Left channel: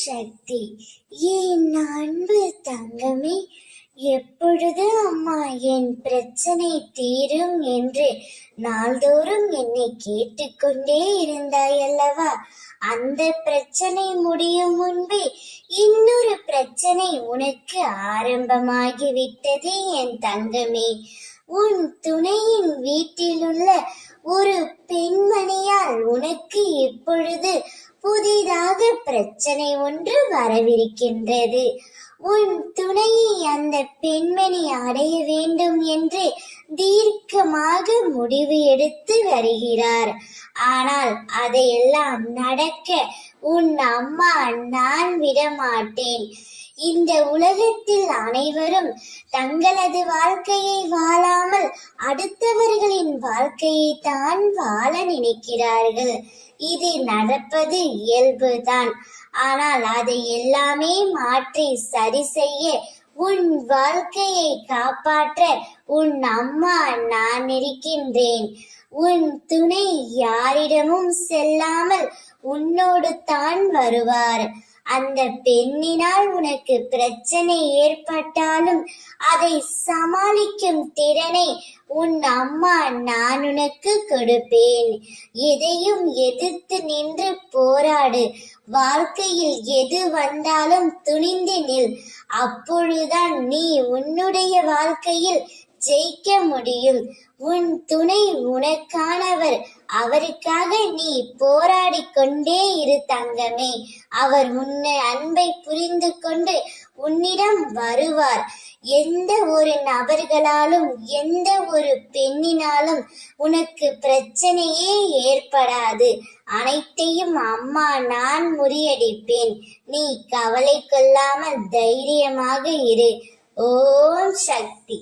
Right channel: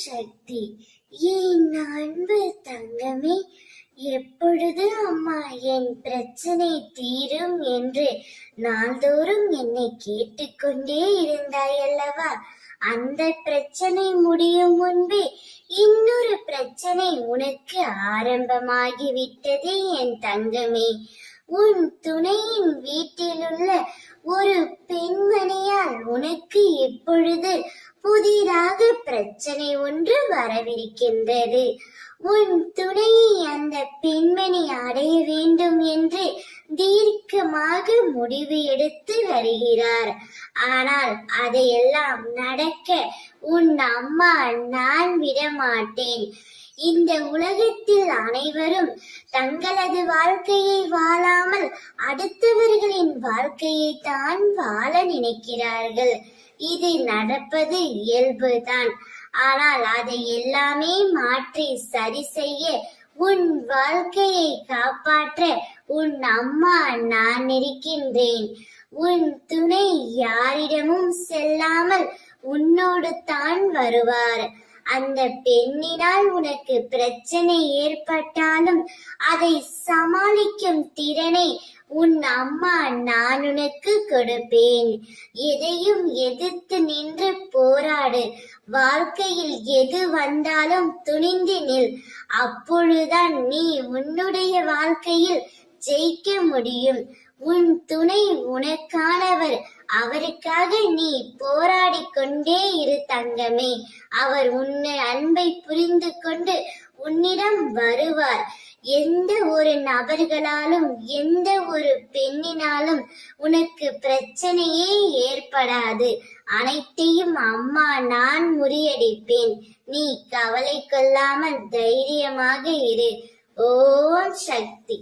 சக்தி. என் அன்பு தங்கமே, எப்பொழுது அம்மா என் பிரச்சனை தீரும் என்று நாள்தோறும் என்னை கேட்டுக்கொண்டே இருந்தாயல்லவா? அந்த பிரச்சனை முடியும் முன்பே இன்னொரு பிரச்சனை உனக்கு ஆரம்பமாகிவிட்டது என் தங்கமே. உன் துணையின் வீட்டிலுள்ள ஒரு பெண்மணியால் உனக்கு எப்பொழுது புதிதாக பிரச்சனை ஒன்று வரவிருக்கின்றது. உன் துணையை அந்த பெண்மணி அடைய வேண்டும் என்று தீர்க்கமாக முடிவு எடுத்து வருகிறார். ஆனால் அதையெல்லாம் நடக்க உன் அம்மா நான் விடமாட்டேன். இந்த உலகத்தில் அனைவரும் தங்களது வாழ்க்கையை வாழாமல் அடுத்தவர்களின் வாழ்க்கையை தான் வாழ நினைக்கிறார்கள். இது நடப்பது இயல்புதான். ஆனால் அதை எல்லாமே மாற்றி சரி செய்ய, உன் வாழ்க்கையை காப்பாற்ற உன் அம்மா நான் இருக்கின்றேன். உன் துணை யாரிடமும் செல்லாமல் உன்னோடு தான் வருவார். அந்த பெண்ணினால் உனக்கு பிரச்சனை ஏற்பட்டாலும் அதை சமாளிக்கும் திறனை உன் அம்மா நான் உனக்கு கொடுப்பேன். எதையும் எதிர்த்து நின்று போராடு. வாழ்க்கையில் எது வந்தாலும் துணிந்து நில். அப்பொழுதுதான் நீ உன்னுடைய வாழ்க்கையில் ஜெயிக்க முடியும். உன் துணை உனக்கானவர். அவருக்காக நீ போராடி கொண்டே இரு தங்கமே. அவர் உன்னை அன்பை புரிந்து கொண்டு உன்னிடம் வருவார். எந்த ஒரு நபர்களாலும் எந்த ஒரு பெண்ணினாலும் உனக்கு பிரச்சனையே ஏற்படாது. அனைத்தையும் அம்மா நான் முறியடிப்பேன். நீ கவலை கொள்ளாமல் தைரியமாக இரு. ஓம் சக்தி.